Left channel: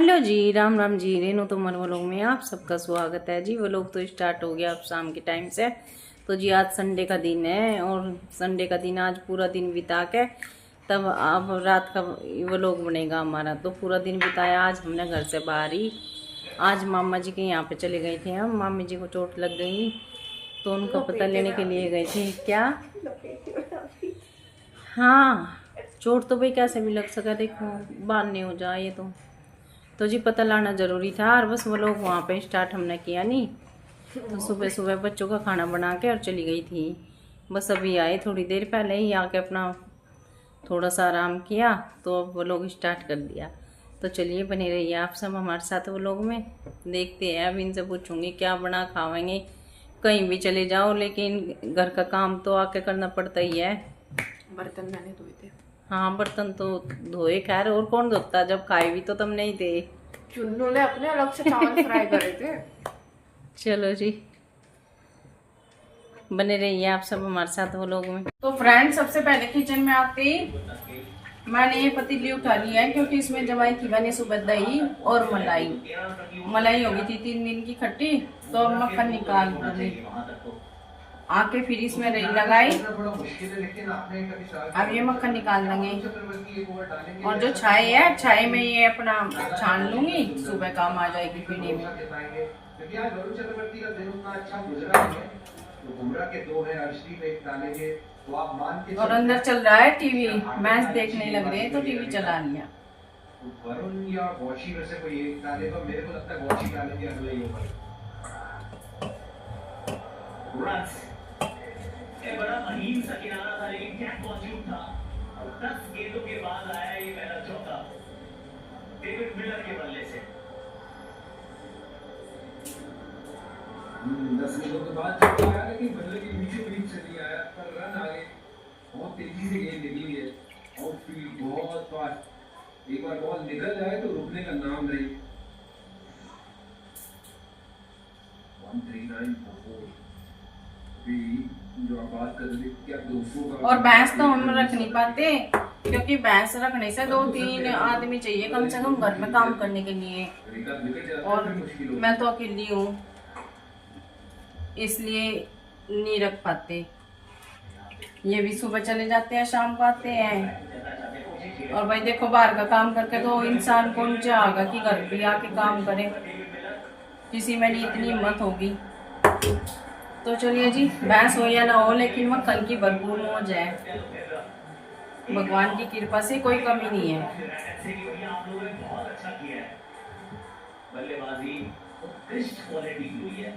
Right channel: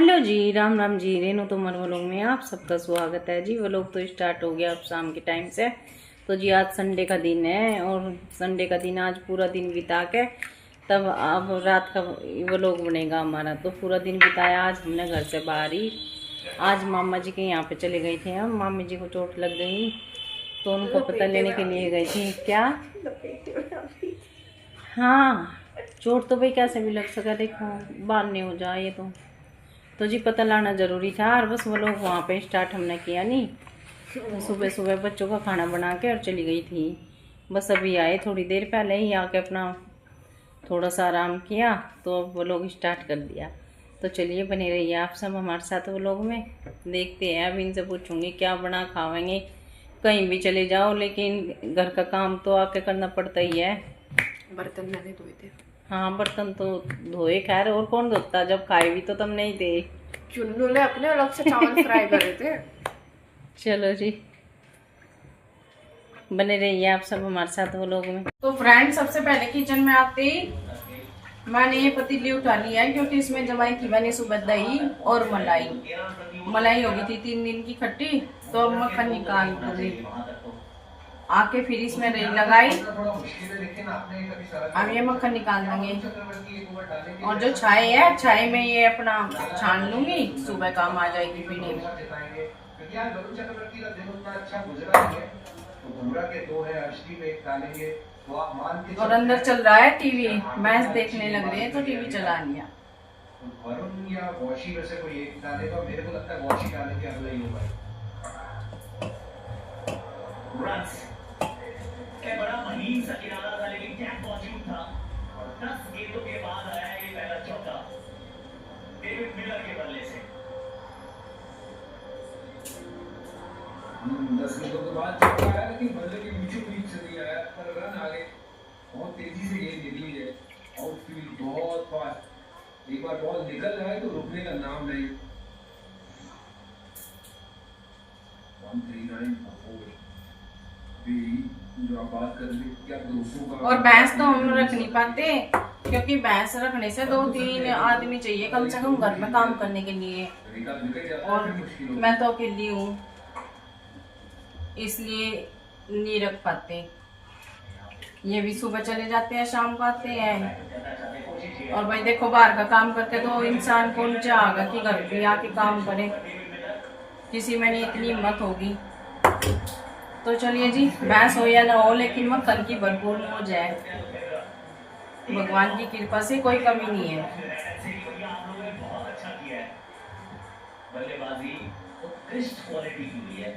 Hello जी, Ram Ram ji. Renu Tomar vlog में आप सबका स्वागत है जी। व्लॉग तो स्टार्ट हो गया अब शाम के टाइम से। तो जी आज संडे का दिन है और संडे का दिन आज पूरा दिन बिता के तब अब रात का व्लॉग बनेगा हमारा। तो पूरा दिन बिताया आज हमने घर से बाहर ही। आज मामा जी के यहाँ पे चले गए थे हम। मामी जी को चोट लग गई तो उनका पता लेने के लिए गए थे। क्या? हाँ, चोट तो भाई कैसे भी लग सका, देखो बांधने हो जाए तो जी पता लाना ज़रूरी था। और बस वो लोग वहाँ पे स्टार्ट हमने किया नहीं। तो सुबह सुबह बच्चों का खाना बना के और चली गई थी। बस अभी आए थोड़ी देर पहले ही आके अपना थोड़ा सा आराम किया तो अब वो लोग स्टार्ट कर दिया। तो चलिए बने रहिए आप सब हमारे साथ वो लोग में। देखते हैं, अब इनसे पूछूंगी क्या बना खावेंगे। कहीं भी चले जाओ लेकिन घर का काम तो आके करना पड़ता ही है। बर्तन मैंने धोए थे। हाँ, बर्तन तो धोए, खैर और कौन धोता, जब खाए भी तो तुम नहीं थे। चुन्नू ने अपने अलग से चावल फ्राई करे थे। चलो जी, बने रहिए आप सब हमारे साथ वो लोग में। तो फ्रेंड, सबसे पहले किचन में आते ही मैंने ये पतीली उठा लिया है क्योंकि इसमें जमाई थी मैंने सुबह दही और मलाई हो गई थी 3 दिन की खट्टी। तो अब मक्खन निकाल दूंगी आके, फिर इसमें रेल लगाई। अब ये मक्खन निकाल देंगे और जो छाए है छाए में ये अपना छान लूंगी, सुबह काम आ जाएगी पीने में। और अंदर चल रहा है टीवी, मैच देखने लग रहे हैं तो टीवी चला लिया। वरुण या वॉशी में से कोई एक डालेगा, मेरे को लगता है वॉशी डालने के अगला ही होगा। बड़ा महीन सा किनारा था लेकिन क्या मौजूद था। 10 गेंदों के बाद आया ये पहला चौका डेविड मिलर के बल्ले से। 10 गेंदों के बाद चौका आया लेकिन बल्ले के बीचों बीच चली आया, पर रन आ गए। बहुत तेजी से गेंद निकली है, आउटफील्ड बहुत फास्ट। एक बार बॉल निकल जाए तो रुकने का नाम नहीं। 139 जो आप बात कर रहे क्या दोस्तों का। और भैंस तो हम रख नहीं पाते क्योंकि भैंस रखने से 2-3 आदमी चाहिए कम से कम घर में काम करने के लिए, और मैं तो अकेली हूँ इसलिए नहीं रख पाते। ये भी सुबह चले जाते हैं, शाम को आते हैं। और भाई देखो, बाहर का काम करके तो इंसान कौन चाहेगा कि घर पे आके काम करे, किसी में नहीं इतनी हिम्मत होगी। तो चलिए जी, भैंस हो या ना हो लेकिन मक्खन की भरपूर मौज है। भगवान की कृपा से कोई कमी नहीं है। बल्लेबाजी उत्कृष्ट क्वालिटी की हुई है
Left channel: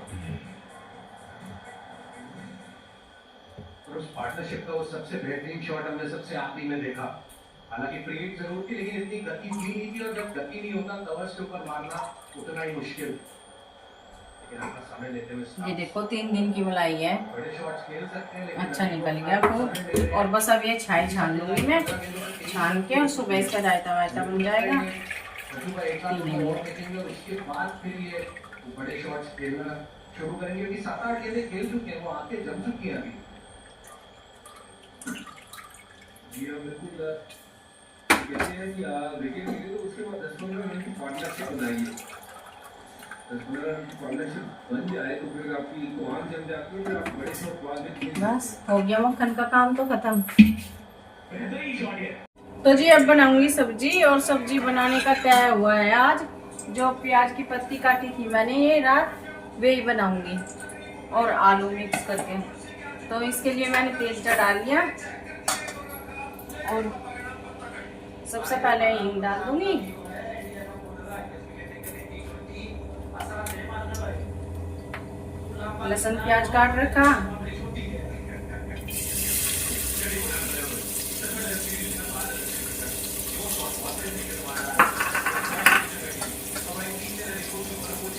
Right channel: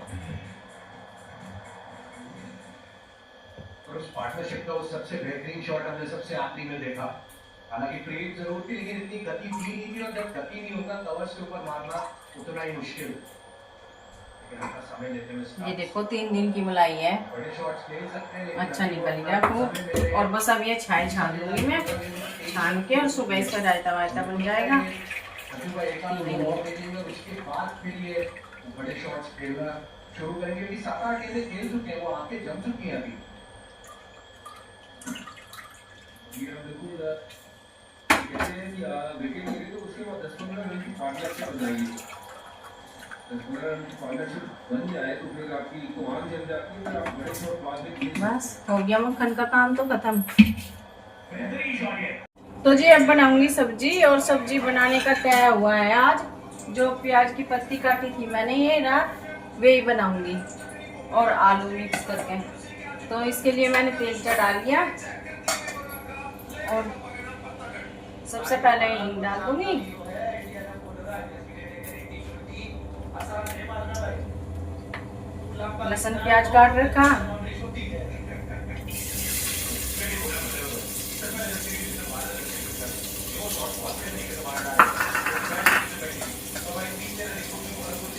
और उस पार्टनरशिप का वो सबसे बेहतरीन शॉट हमने सबसे आखिरी में देखा। हालांकि फ्रीहिट जरूर थी लेकिन इतनी गति हुई नहीं थी, और जब गति नहीं होता कवर्स के ऊपर मारना उतना ही मुश्किल। ये देखो 3 दिन की मलाई है, अच्छा निकल गया खूब। और बस अब ये छाई छान लूंगी मैं, छान के और सुबह इसका रायता वायता बन जाएगा। उसके बाद फिर ये बड़े शॉट्स खेलना शुरू करेंगे क्योंकि 7-8 गेंदें खेल चुके हैं, वो आंखें जम चुकी हैं अभी। बिल्कुल कहते हैं कि विकेट गिरे तो उसके बाद 10-15 रन की पार्टनरशिप बनाएगी। 10-15 रन की पार्टनरशिप बन जाए तो फिर आपकी तो आंख जम जाती है, फिर आप बड़े शॉट बाद में खेल। बस हो गया मक्खन का काम तो खत्म। तो जी अब बनाऊंगी सब्जी, और सब्जी बनाने का तय हुआ है आज। जो प्याज की पत्ती काटी थी मैंने ये रात, वही बनाऊंगी और आलू मिक्स करके। तो इसके लिए मैंने तेल चढ़ा लिया और सबसे पहले हींग डाल दूंगी। लहसुन प्याज काट रखा,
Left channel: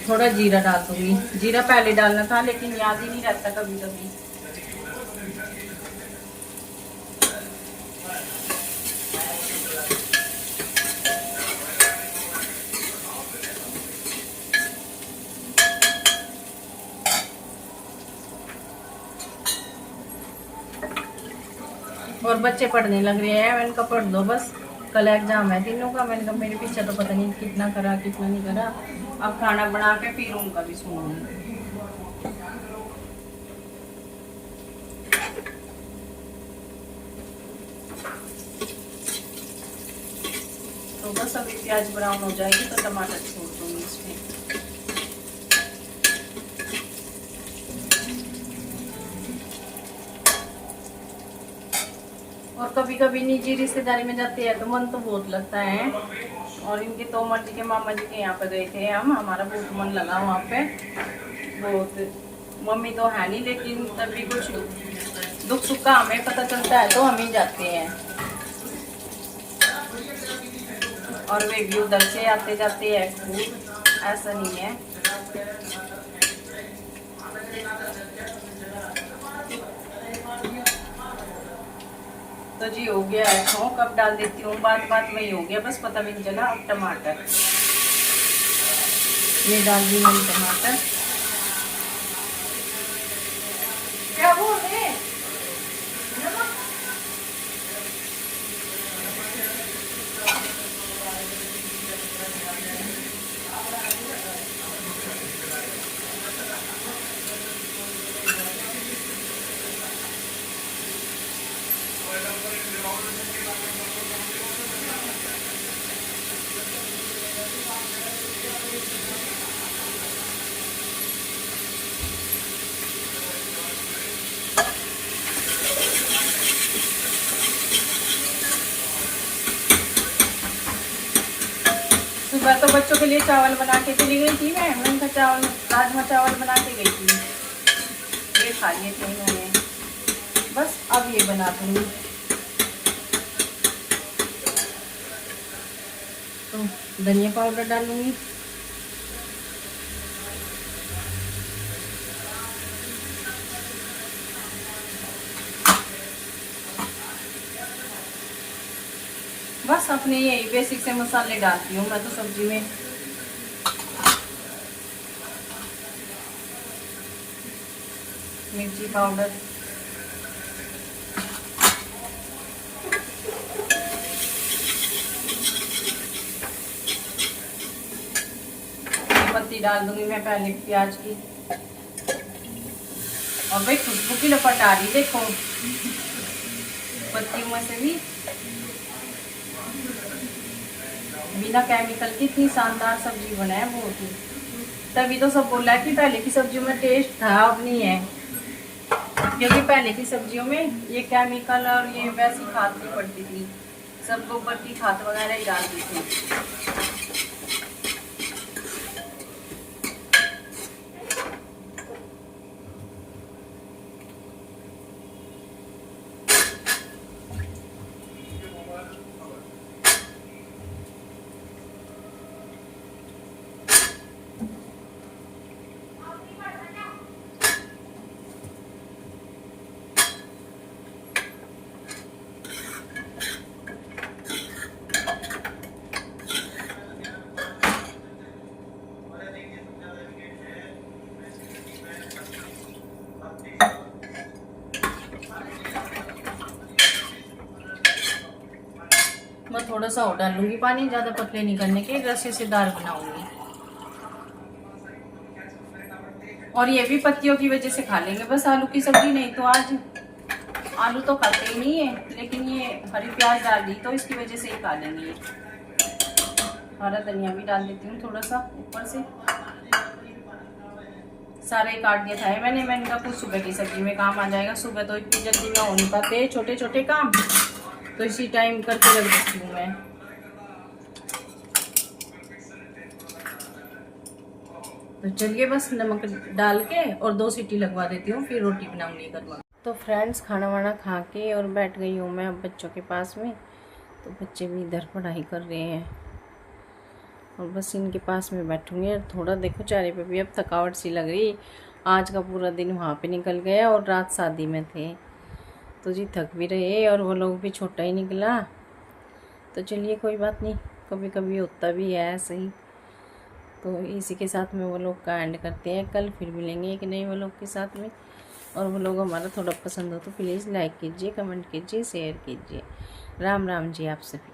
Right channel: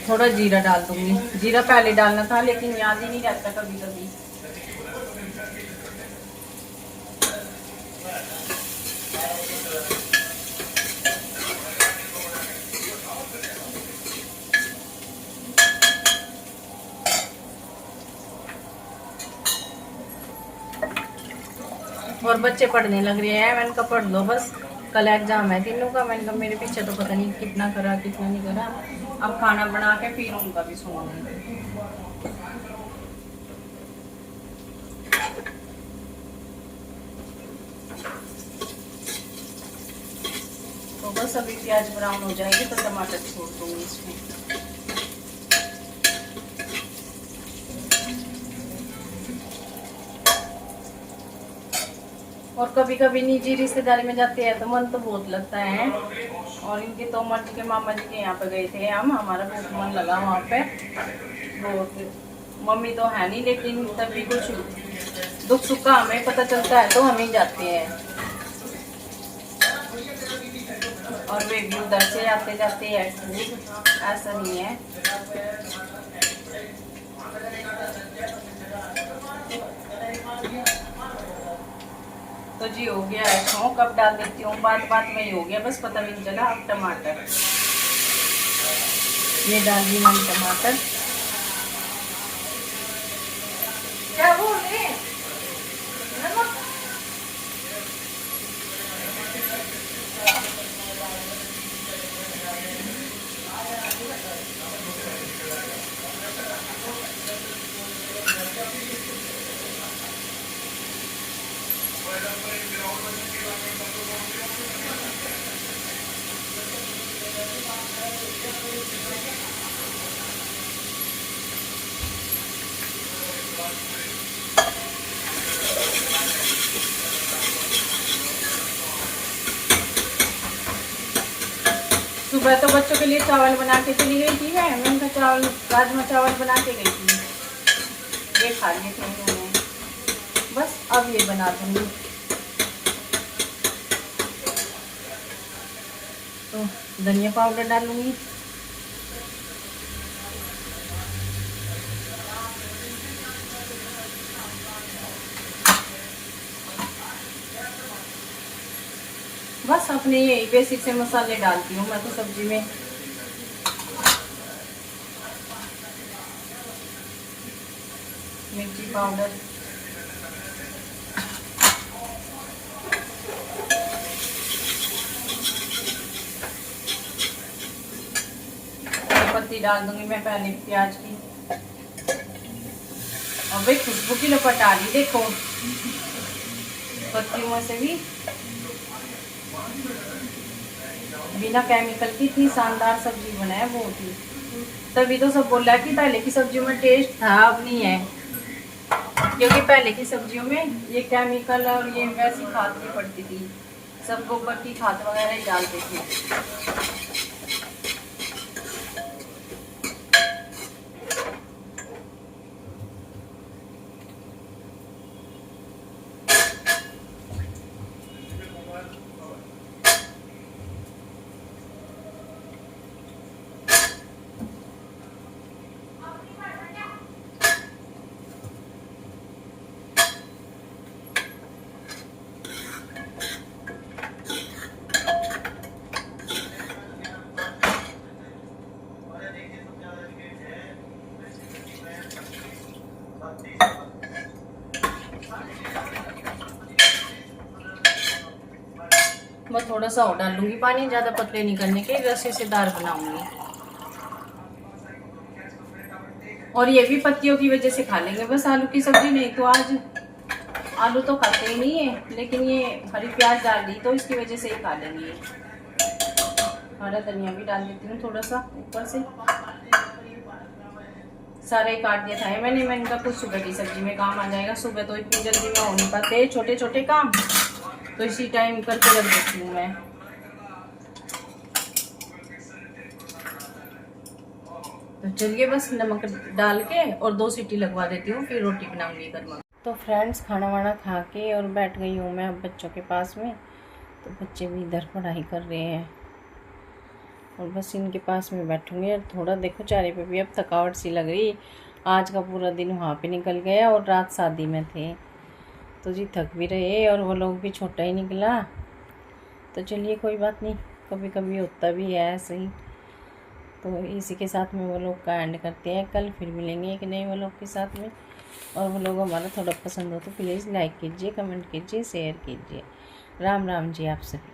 थोड़ा जीरा डाल दूंगी। जीरा पहले डालना था लेकिन याद ही नहीं रहता कभी कभी। और बच्चे पढ़ने लग रहे हैं, मैंने कहा पढ़ दो बस, कल एग्जाम है तीनों का। मैंने कहा मेरे पीछे तो पता नहीं कितना करा कितना नहीं करा। अब खाना बना के फिर उनका भी सुनूंगी। तो बस अभी प्याज ब्राउन हो जाएगी तो टमाटर छोड़ दूंगी इसमें। और कभी कभी निजी रिश्तेदारी में जाते हैं तो मन तो बहुत लगता है। और इनके तोमर जी के मामा जी के यहाँ पे गए थे हम, हमारा बहुत मन लगा वहाँ पे बहुत। मम्मी तो है नहीं, लेकिन तभी कुछ दुख सुख का हमें पता चलता है तो हम ही जाते हैं। और वे भी उधर से आते जाते हैं खूब, ऐसा नहीं है। तो जी हो गया है स्मोक। अब डाल देती हूँ, बात बात में ही हो गया, बस पता भी नहीं चला। अब टमाटर ये डाल दी मैंने टमाटर। क्या बोल रहे हैं? नमक। सुबह तो बच्चों के लिए चावल बना के चली गई थी मैंने कहा चावल राजमा चावल बना के गई थी, ये खा लिए थे उन्होंने। बस अब ये बना दूंगी। तो धनिया पाउडर डालूंगी, बस अपने यही बेसिक से मसाले डालती हूँ मैं तो सब्जी में। मिर्ची पाउडर, पत्ती डाल दूंगी मैं पहले प्याज की। और भाई खुशबू की लपट आ रही देखो पत्तियों में से भी। बिना केमिकल की इतनी शानदार सब्जी बनाए बहुत ही। तभी तो सब बोल रहा है कि पहले की सब्जियों में टेस्ट था, अब नहीं है। क्योंकि पहले की सब्जियों में ये केमिकल और ये वैसी खाद भी पड़ती थी, सब गोबर की खाद वगैरह ही डालते थे। मैं थोड़ा सा और डालूंगी पानी, ज्यादा पतले नहीं करने के, रस्से से दाल बनाऊंगी। और ये भी पत्तियों की वजह से खा लेंगे बस, आलू की सब्जी नहीं तो आज आलू तो खाते ही नहीं है, लेकिन ये हरी प्याज डाल दी तो इसकी वजह से ही खा लेंगे। हरा धनिया भी डाल देती हूँ थोड़ा सा ऊपर से। सारा ही काट दिया था मैंने कहा कुछ सुबह की सब्जी में काम आ जाएगा। सुबह तो इतनी जल्दी में हो नहीं पाते छोटे छोटे काम, तो इसी टाइम करके रख देती हूँ मैं। तो चलिए बस नमक डाल के और 2 सीटी लगवा देती हूँ, फिर रोटी बनाऊंगी गर्मा। तो फ्रेंड्स खाना वाना खा के और बैठ गई हूँ मैं अब बच्चों के पास में। तो बच्चे भी इधर पढ़ाई कर रहे हैं और बस इनके पास में बैठूंगी। और थोड़ा देखो चेहरे पे भी अब थकावट सी लग रही, आज का पूरा दिन वहाँ पे निकल गया और रात शादी में थे तो जी थक भी रहे और वो लोग भी छोटा ही निकला। तो चलिए कोई बात नहीं, कभी कभी होता भी है ऐसे ही। तो इसी के साथ में वो लोग का एंड करते हैं, कल फिर मिलेंगे एक नए वो लोग के साथ में। और वो लोग हमारा थोड़ा पसंद हो तो प्लीज़ लाइक कीजिए, कमेंट कीजिए, शेयर कीजिए। राम राम जी आप सभी।